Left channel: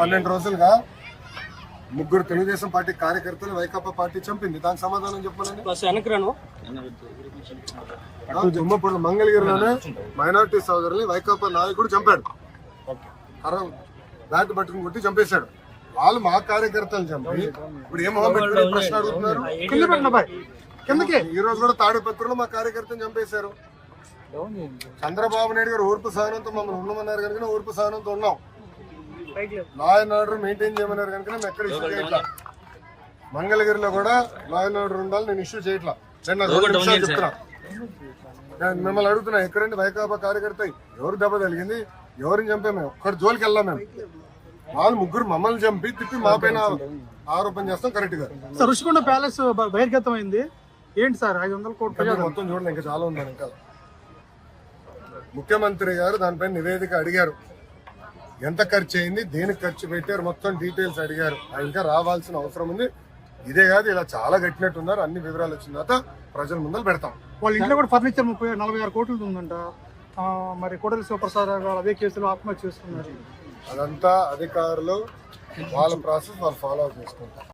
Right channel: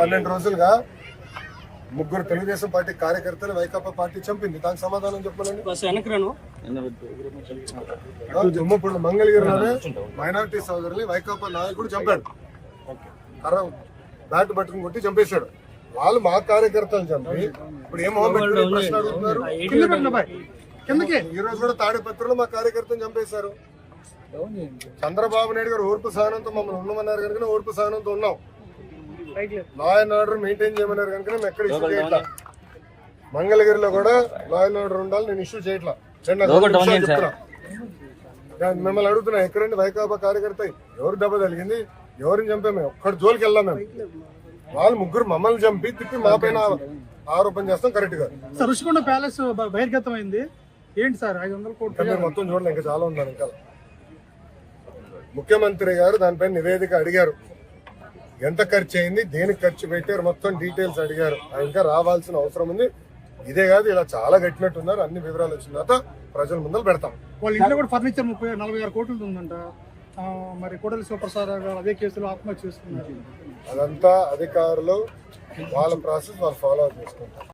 12 రోజులుగా ముగ్గురు తెలుగుదేశం పార్టీ కార్యకర్తలు వైకాపా పార్టీ చంపింది. దానికి సమాధానం చెప్పాలని తుమ్మపూడి మంగళగిరిలోనే మైనార్టీ సోదరుల్ని వైకాపా నాయకుడు చంపాడు. బ్యాట్ పట్టుకుని కొట్టి చంపేశాడు. వాళ్ళు మా కార్యకర్తలు చంపి ఇప్పుడు ఏం ప్రశ్న అడుగుతున్నారు. ఈ రోజు కూడా తాడిపత్రిలో మా కార్యకర్తను చంపేశారు. చంద్రబాబు నాయుడు గారు ఓర్పు సహనంతో మమ్మల్ని ఉండమన్నారు కనుక ఓర్పు సహనంతో ఉన్నాం. లా అండ్ ఆర్డర్ మెయింటైన్ చేయమన్నారు కనుక మేము ఎక్కడ ఇష్యూ చేయట్లా. మంగళగిరిలో కూడా లా అండ్ ఆర్డర్ ఉండాలి, నేను ఇష్యూ చేయట్లా. చెప్తున్నా, నేను మిమ్మల్ని అడుగుతున్నా, ఎక్కడండి వైకాపా కార్యకర్త ఎవరు దెబ్బ తగిలింది, ఎవరిని చంపాము, మేము ఒక్కడి జోలికి వెళ్ళాం. మేము వాళ్ళు ముగ్గురు మమ్మల్ని చంపి తిప్పి మా పైన ఆరోపణ చేస్తాం. కరెక్ట్ గా రుషికొండ ప్యాలెస్ బహిర్గతం అయింది ఏంటి సార్? 500 కోట్లు మొత్తం చూడండి, ఇంకా చాలా ఉందని. ఇంకా ముఖ్యమంత్రి గారు దానిపైన నివేదిక అడిగారు. ఎంత ఖర్చు అయింది, దేనికి ఖర్చు పెట్టారు, మొత్తం డీటెయిల్స్ అడిగారు. ఇంకా రావాల్సిన అవసరం ఉంది. ఇదే కాదు, ఇలా చాలా కట్టినట్టున్నారు. అన్ని వివరాలు వచ్చిన తర్వాత ప్రజల ముందర పెడతాం. వాళ్ళ ఇంట్లో కూడా ఫర్నిచర్ 46 కోట్లు ఉందంట. మరి కోటలి శివప్రసాద్ అదే కేసులో ఆత్మహత్య చేసుకున్నారు. అదంతా అధికారులు వాళ్ళ ప్రాసెస్ వాళ్ళు ఫాలో చేసుకుంటారు.